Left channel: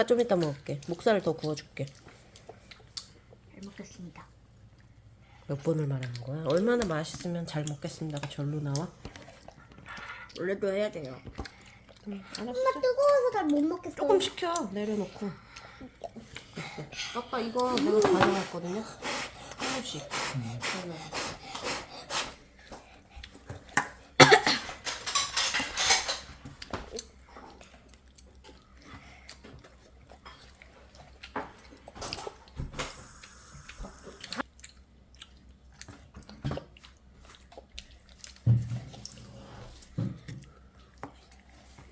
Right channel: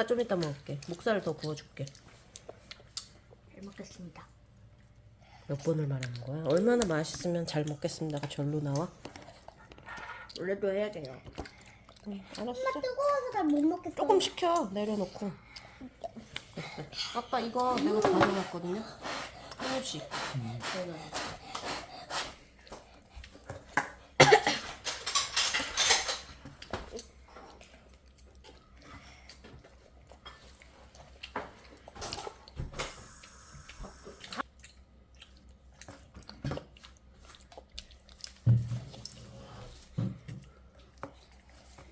엄마 좀 이따 먹을게. 목살을 더 구워줄게. 잘 먹겠습니다. 몇 번을 말하는 거야? 얼마나 맛있으면 잘 먹겠습니다가 절로 나와? 원래도 해야 돼요. 응, 알았어. 뜨거워서 잘못 먹겠어. 조금 식혀 내려놓고. 아빠 이거 내가 가져갔거든요. 조금씩. 네.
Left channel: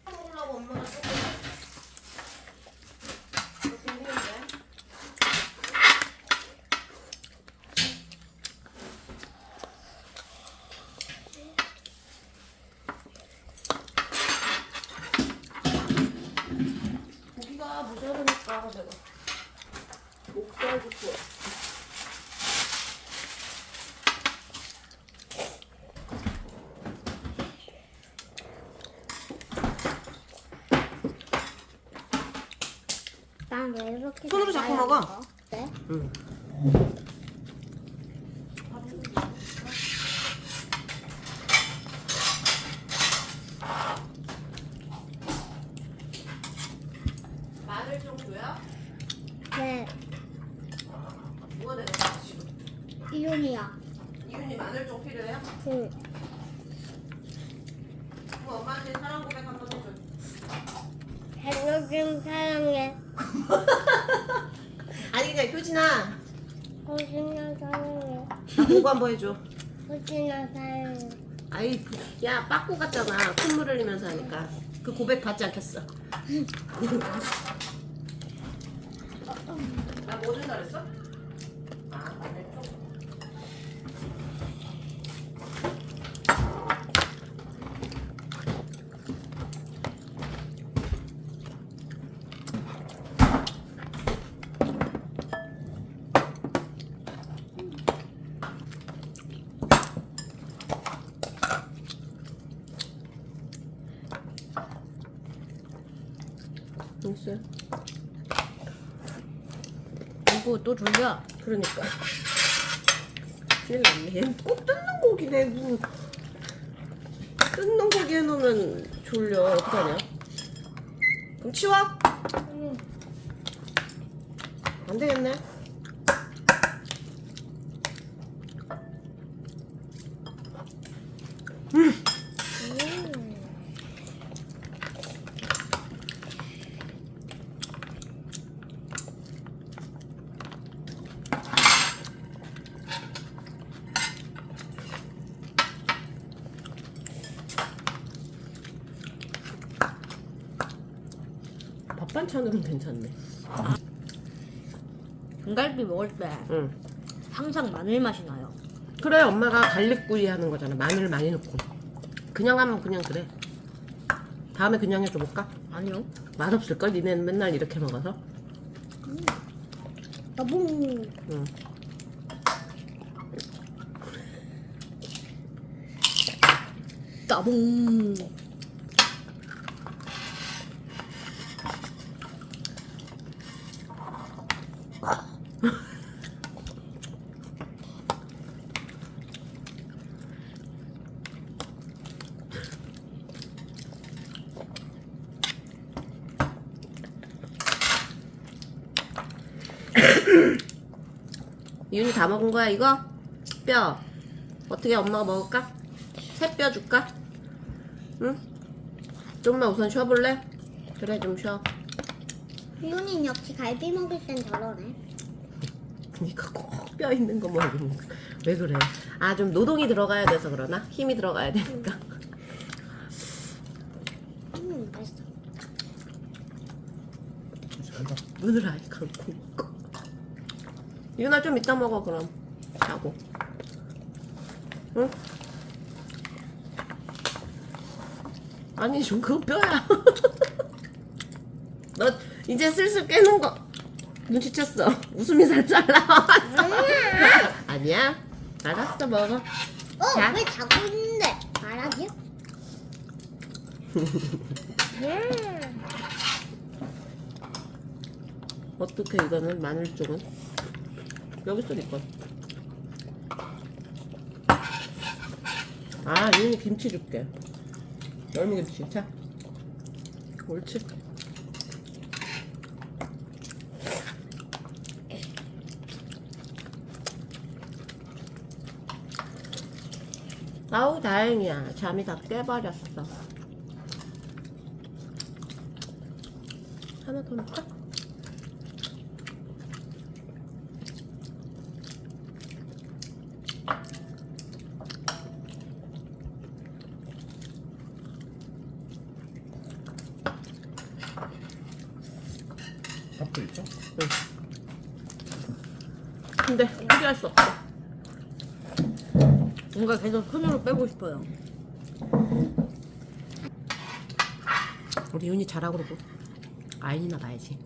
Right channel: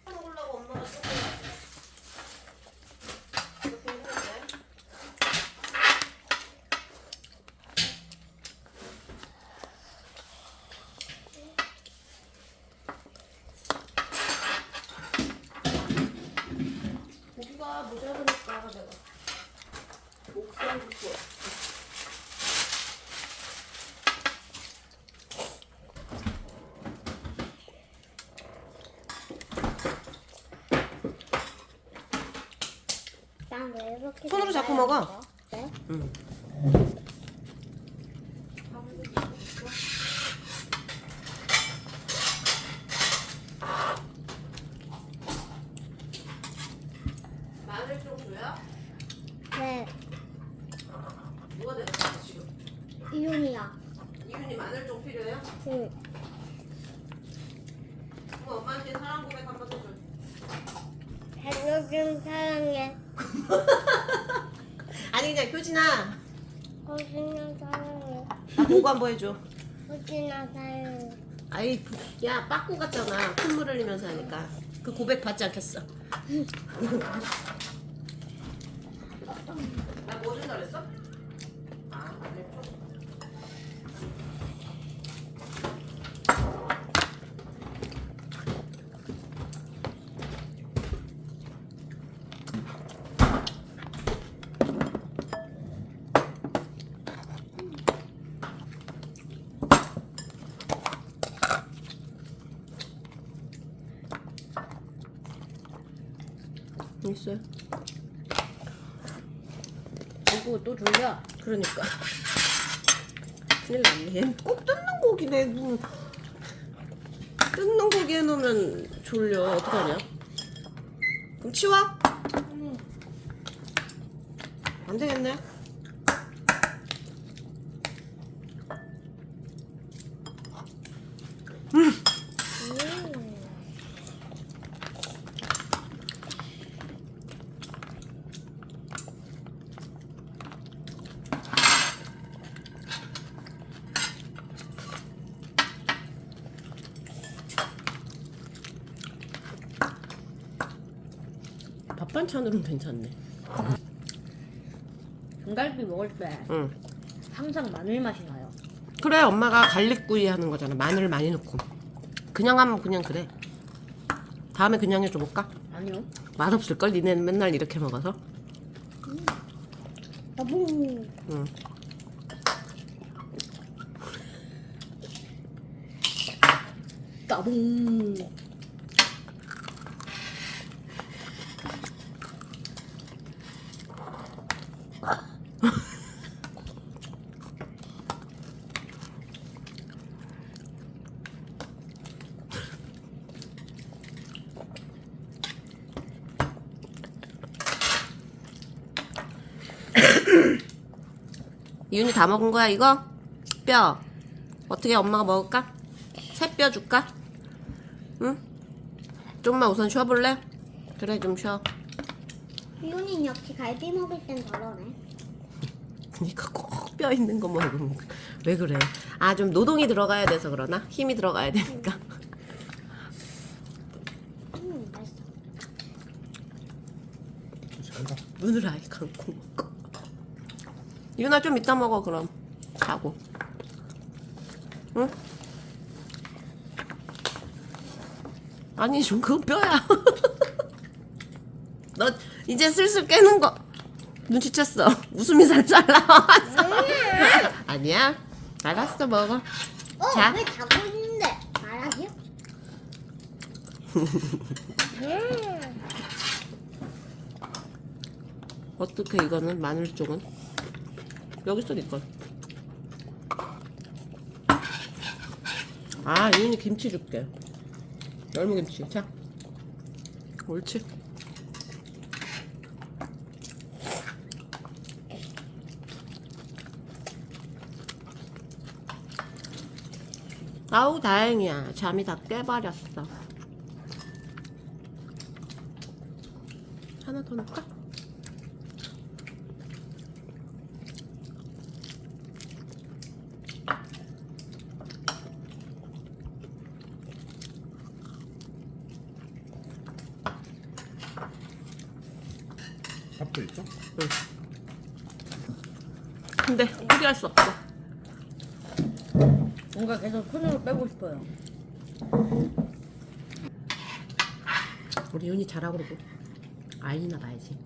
먹으려고 엄마가 조금 이렇게 했는데. 고기가 모자르니까 내가 목살도 구워. 난왜 이렇게 손으로 잡고 먹어. 네? 응. 마늘 좀 줘요? 네. 누가 내렸어 지금? 이윤이야. 이윤이 마늘 좀 필요해요? 응. 그럼 엄마한테 사랑 고백 한 번 해줘. 헬로 좀 사랑해. 아니 그냥 효진아 호진아 사랑해. 나 보고 한번 해줘. 사랑해. 아이 야 빠꾸 같잖아 콧물 흘리면서 하니까 그 고백 받지 않겠어 나뭐 준다 그랬어? 아, 있어요? 이거 또 졸려? 그러니까. 큰일 났네. 얘는 꼭 뜯는 고기네 뭐 뜯는 고기 해놓으면 졸려. 어떡하냐? 그럼 치워? 응. 안 되겠네. 음. 반찬으로는 괜찮네 등갈비 먹을 때 응 항상 마늘 맛이 나요. 그래 엄마가 갈릭구이 하는 거잖아 마늘 많이 넣고 그냥 하면 그냥 그래 다음에 그냥 해줘볼까? 아니요. 맛없을걸? 니네는 맨날 이렇게 먹어서 나봉. 응. 나봉. 이윤이 다 먹은 거야 이거? 뼈 어떻게 엄마가 먹을까? 새 뼈 줄까? 응? 좀만 우선 쉬어볼래? 그래 좀 쉬어 이윤이는 역시 갈비 먹을 땐 저러네. 그니까 꼭 뼈 있는 거 먹는 거야 왜 그래? 아 좀 노동이 들어가야 돼서 그러나? 힘이 들어가야 되니까 음, 맛있어. 눈을 아예 감고 유나 좀 이따 먹어 그럼 자고 응? 아니 좀 그거 뼈야 너 이제 슬슬 깨는 거 눈치챘어 웃음이 살짝 나왔어 아니야 알았어 먹어 어, 자. 왜 자고 있는데? 말하기요? 음. 어떻게 이거는 마늘 쪽은 여기 있으니까 아 이윤이 김치 줄게. 열무김치. 자. 옳지. 아우 다행이야. 잠이 다 깨버렸어. 하나 더 넣을까? 밥도 있어? 근데 포기할 수 없어 뭔가 계속 손으로 빼고 싶어요. 우리 윤이 잘하고 그러고 아이나 봐야지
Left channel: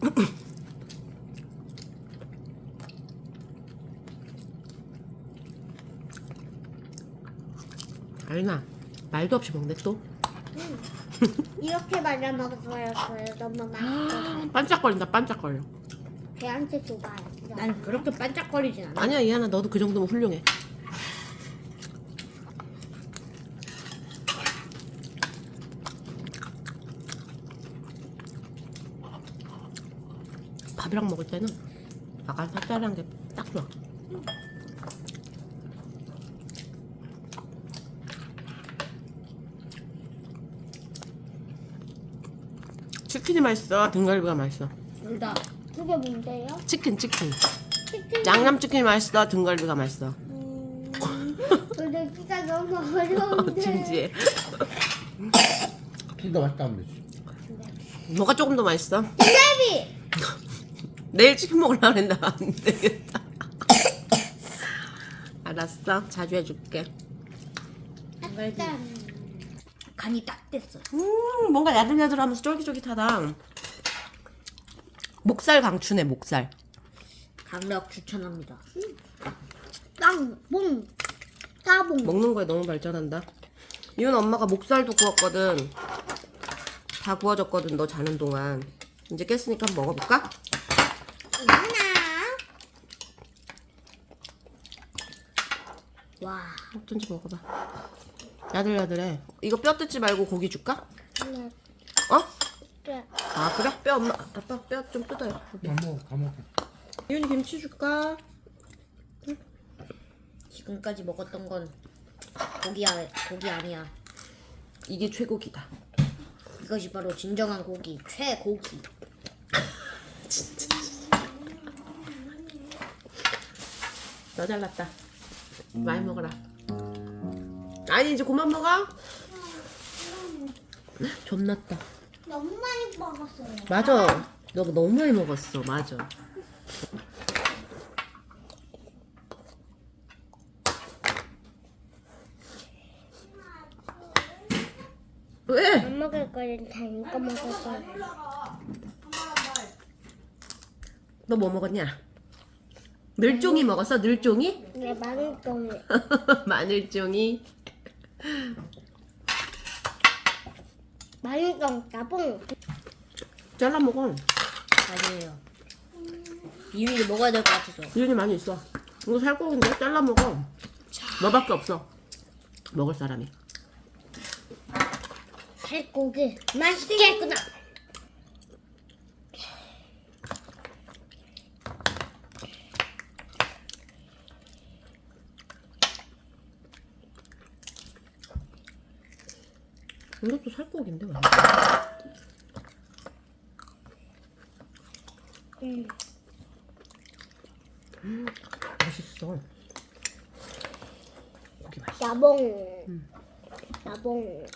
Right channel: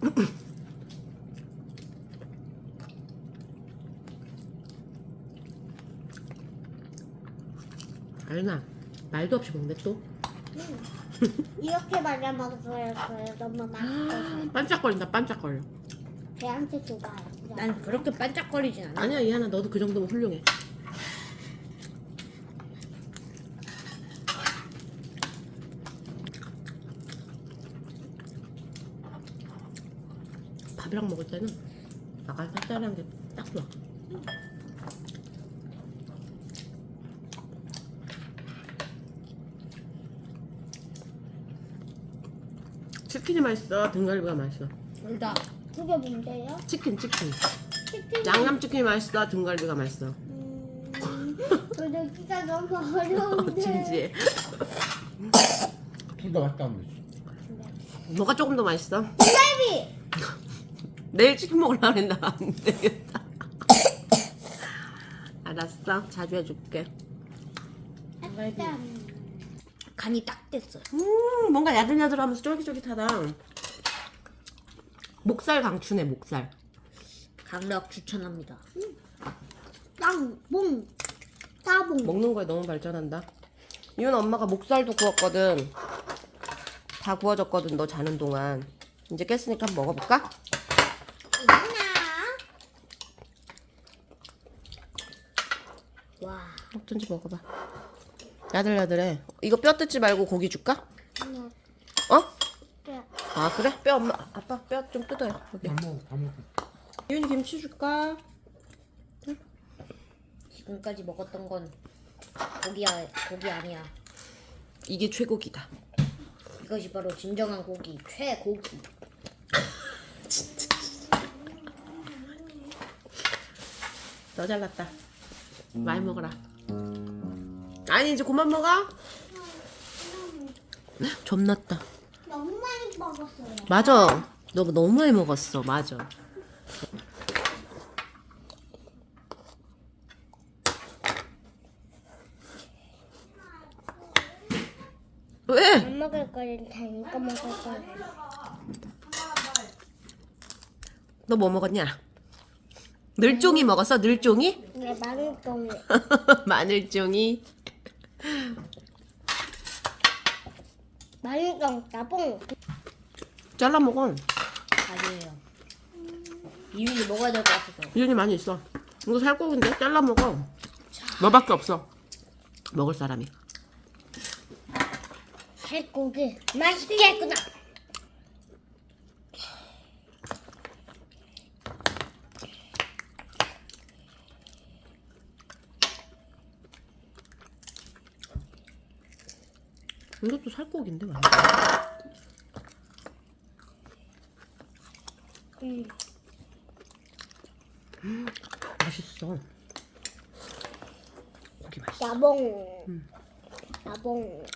아이나 말도 없이 먹네 또 이렇게 말아 먹어요. 거예요. 너무 맛있어서. 반짝거린다 반짝거려 걔한테 줘봐요. 난 그렇게 반짝거리진 않아. 아니야 이하나 너도 그 정도면 훌륭해 밥이랑 먹을 때는 약간 짭짤한 게 딱 좋아 치킨이 맛있어 등갈비가 맛있어 둘다 그게 뭔데요? 치킨 치킨 치킨. 양념 치킨이 맛있어 등갈비가 맛있어 음, 근데 진짜 너무 어려운데. 진지해 둘 다 맛있다 하면 되지 뭐가 조금 더 맛있어? 텔레비. 내일 치킨 먹으려 했나? 안 되겠다. 알았어. 자주 해줄게. 일단 간이 딱 됐어. 음 뭔가 야들야들하면서 쫄깃쫄깃하다. 목살 강추네 목살. 강력 추천합니다. 땅, 봉, 따봉. 먹는 거에 너무 발전한다. 이건 엄마가 목살도 구웠거든. 다 구워졌거든 너 자는 동안. 이제 깼으니까 한번 먹어볼까? 하나. 와. 어떤지 먹어봐 야들야들해 이거 뼈 뜯지 말고 고기 줄까? 네. 어? 네. 아 그래? 뼈 엄마 아빠 뼈 좀 뜯어요 여기. 안 먹어 다 먹어 이윤이 김치 줄까? 지금까지 먹었던 건 고기야 고기 아니야. 이게 최고기다 이것이 바로 진정한 고기 최고기. 너 잘났다 많이 먹어라 아니 이제 그만 먹어 존났다 너무 많이 먹었어요. 맞아 너 너무 많이 먹었어 맞아 왜? 안 먹을 거는 다 이거 먹을 거예요. 너뭐 먹었냐? 늘종이 먹었어? 늘종이? 네, 많은 거예요. 마늘종이 거 따봉. 잘라 먹어 아니에요. 이윤이 먹어야 될 것 같아서. 이윤이 많이 있어 이거 살코기인데 잘라 먹어 너밖에 없어 먹을 사람이 살고기 맛있겠구나. 이것도 살코기인데 음, 맛있 어 고기 맛있어 나봉. 나봉.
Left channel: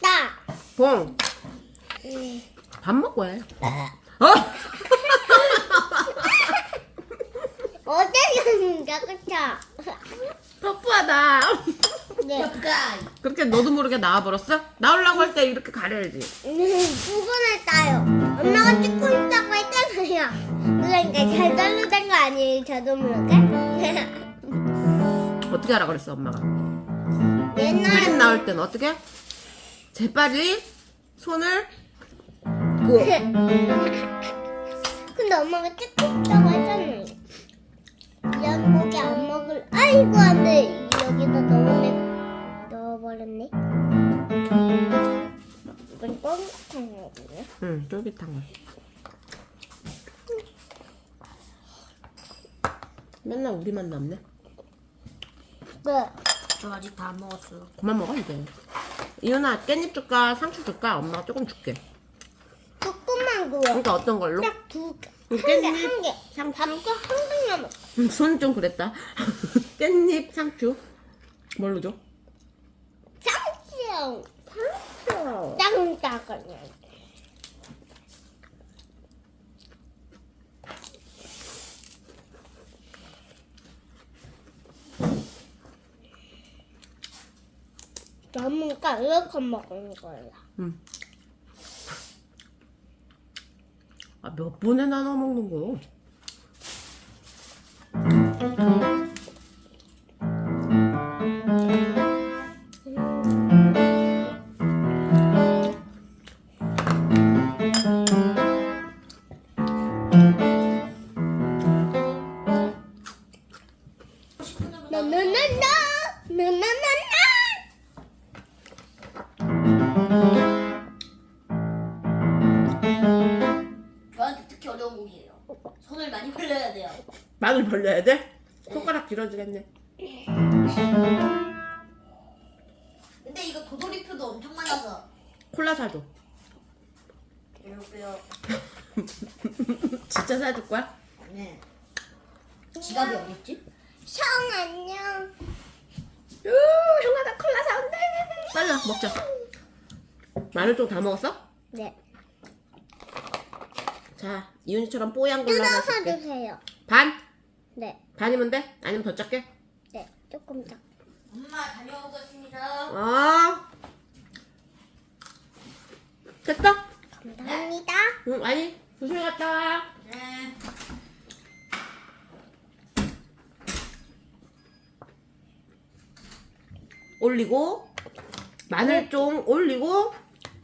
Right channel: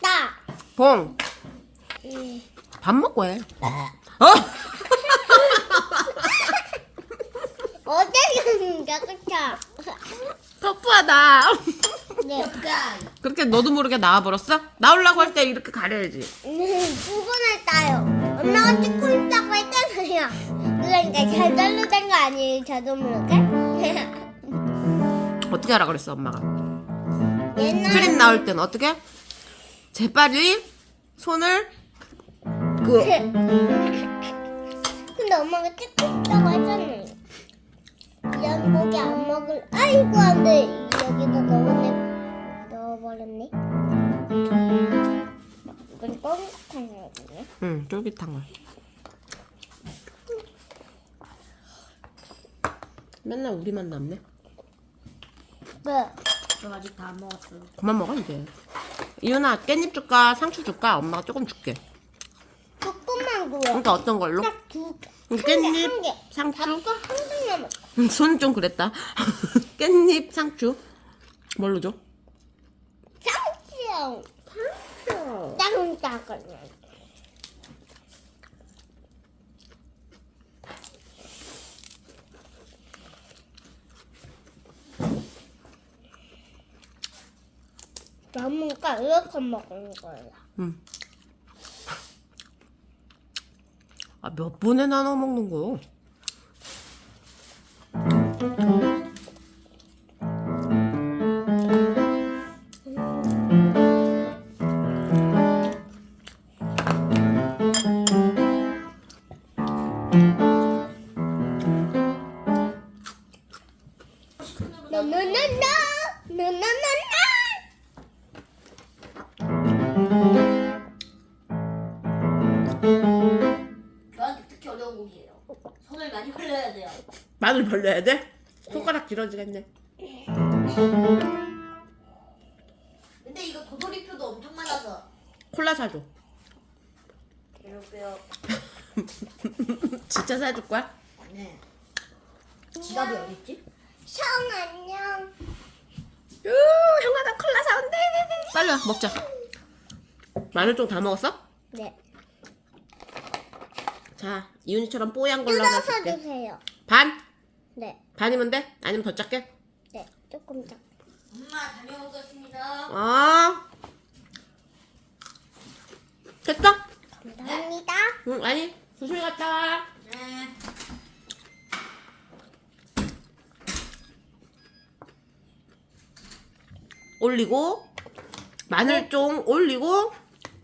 따. 봉! 음. 밥 먹고 해 어? 어제는가 그쵸? 터프하다 네. 그렇게 너도 모르게 나와버렸어? 나오려고 할 때 이렇게 가려야지 음, 부분을 따요. 엄마가 찍고 있다고 했잖아요. 그러니까 잘 자르던 거 아니에요, 저도 모르게? 어떻게 하라 그랬어 엄마가 옛날에 트림 나올 땐 어떻게? 재빨리 손을 그 근데 엄마가 찍고 있다고 했잖아요. 이런 고기 안 먹을. 아이고 안돼. 여기다 넣어내 넣어버렸네. 이건 거거든요. 응, 쫄깃한 거. 맨날 우리만 남네. 네. 저 아직 다안 먹었어요. 그만 먹어 이제. 이윤아 깻잎 줄까 상추 줄까? 엄마가 조금 줄게. 조금만 구워. 그러니까 어떤 걸로? 딱 두 개. 응, 한 개, 한 개. 상추. 밥도 한개 남았어. 손 좀 그랬다. 깻잎 상추. 뭘로 줘? 상추. 땅땅거려. 나무가 이렇게 먹는 거야. 응. 아, 몇 번에 나눠 먹는 거? 마늘 벌려야 돼? 손가락 길어지겠네. 근데 이거 도돌이표도 엄청 많아서. 콜라 사줘. 진짜 사줄 거야? 네. 지갑이 어딨지? 형 안녕. 우, 형아 나 콜라 사온대. 빨리 와, 먹자. 마늘 좀 다 먹었어? 네. 자, 이윤이처럼 뽀얀 걸로 하나 뜯어서. 주세요. 반? 네. 반이면 돼? 아니면 더 작게? 네. 조금 더. 엄마 다녀오겠습니다. 아. 됐어? 감사합니다. 응, 아니, 조심히 갔다 와. 네. 올리고, 마늘 좀 올리고,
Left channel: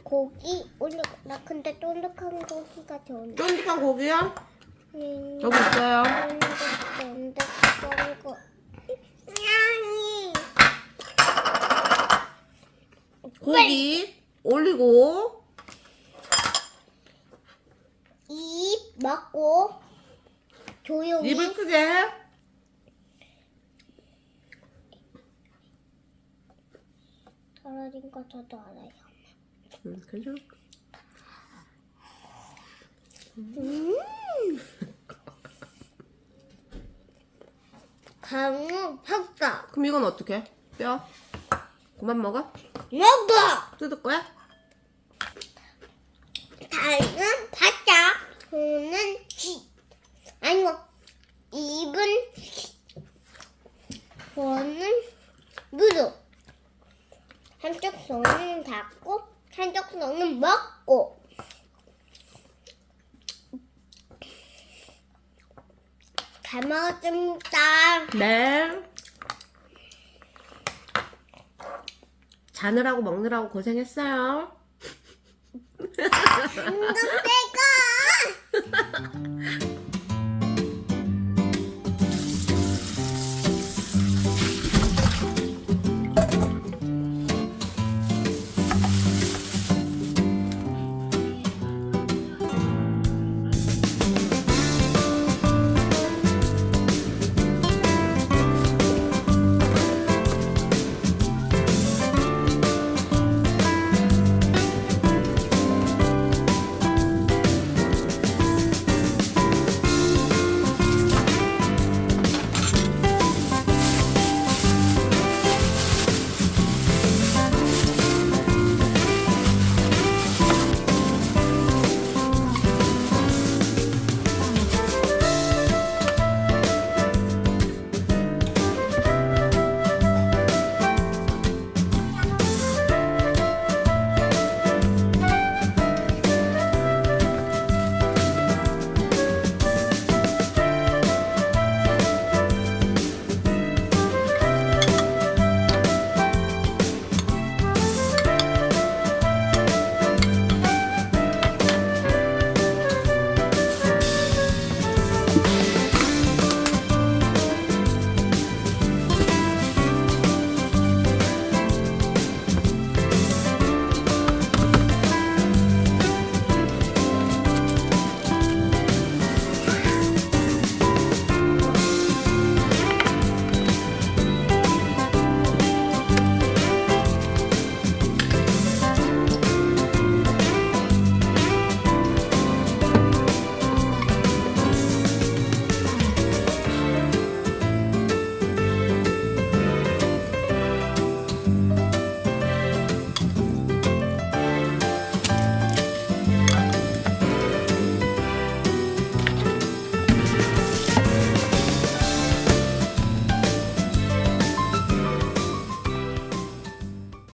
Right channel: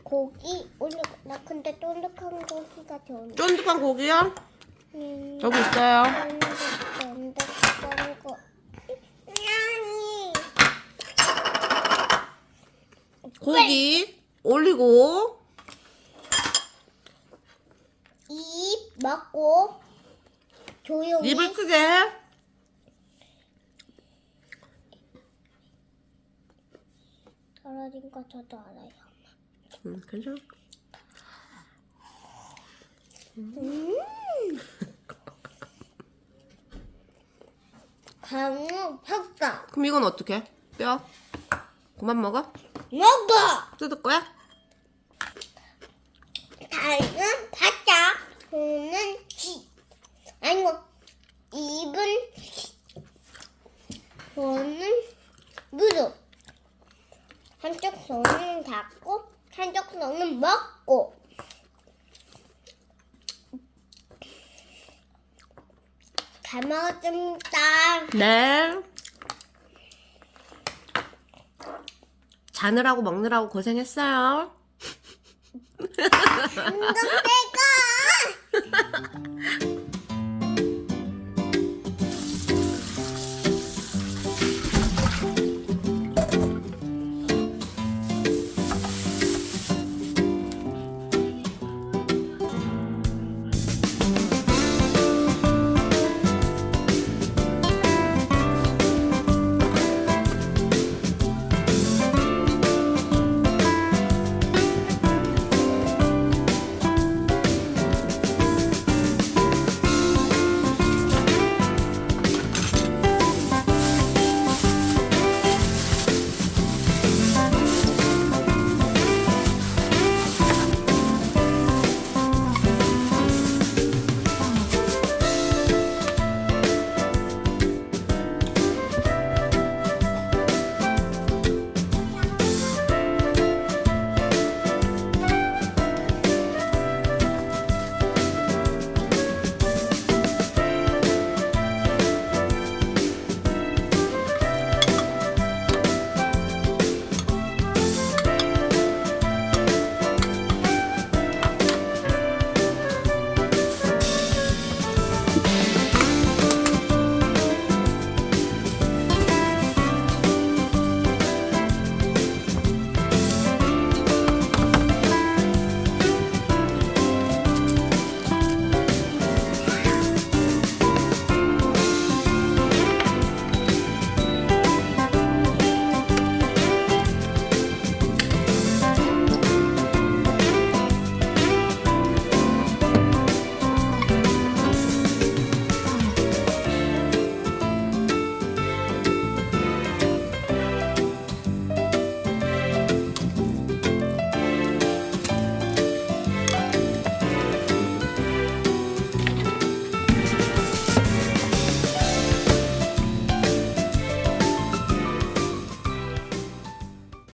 고기 올리고 나 근데 쫀득한 고기가 좋은데. 쫀득한 고기요. 음, 여기 있어요. 고기 올리고, 입 먹고 조용히 입을 크게. 떨어진 거 저도 알아요. 음, 괜찮아. 음. 강우 팍다 그럼 이건 어떻게? 뼈? 그만 먹어? 먹어. 뜯을 거야? 다리는 바짝, 손은 히. 아니고 입은 히. 손은 무릎. 한쪽 손은 닫고 한쪽 손은 먹고. 잘 먹었습니다. 네. 자느라고 먹느라고 고생했어요. 이거 빼가.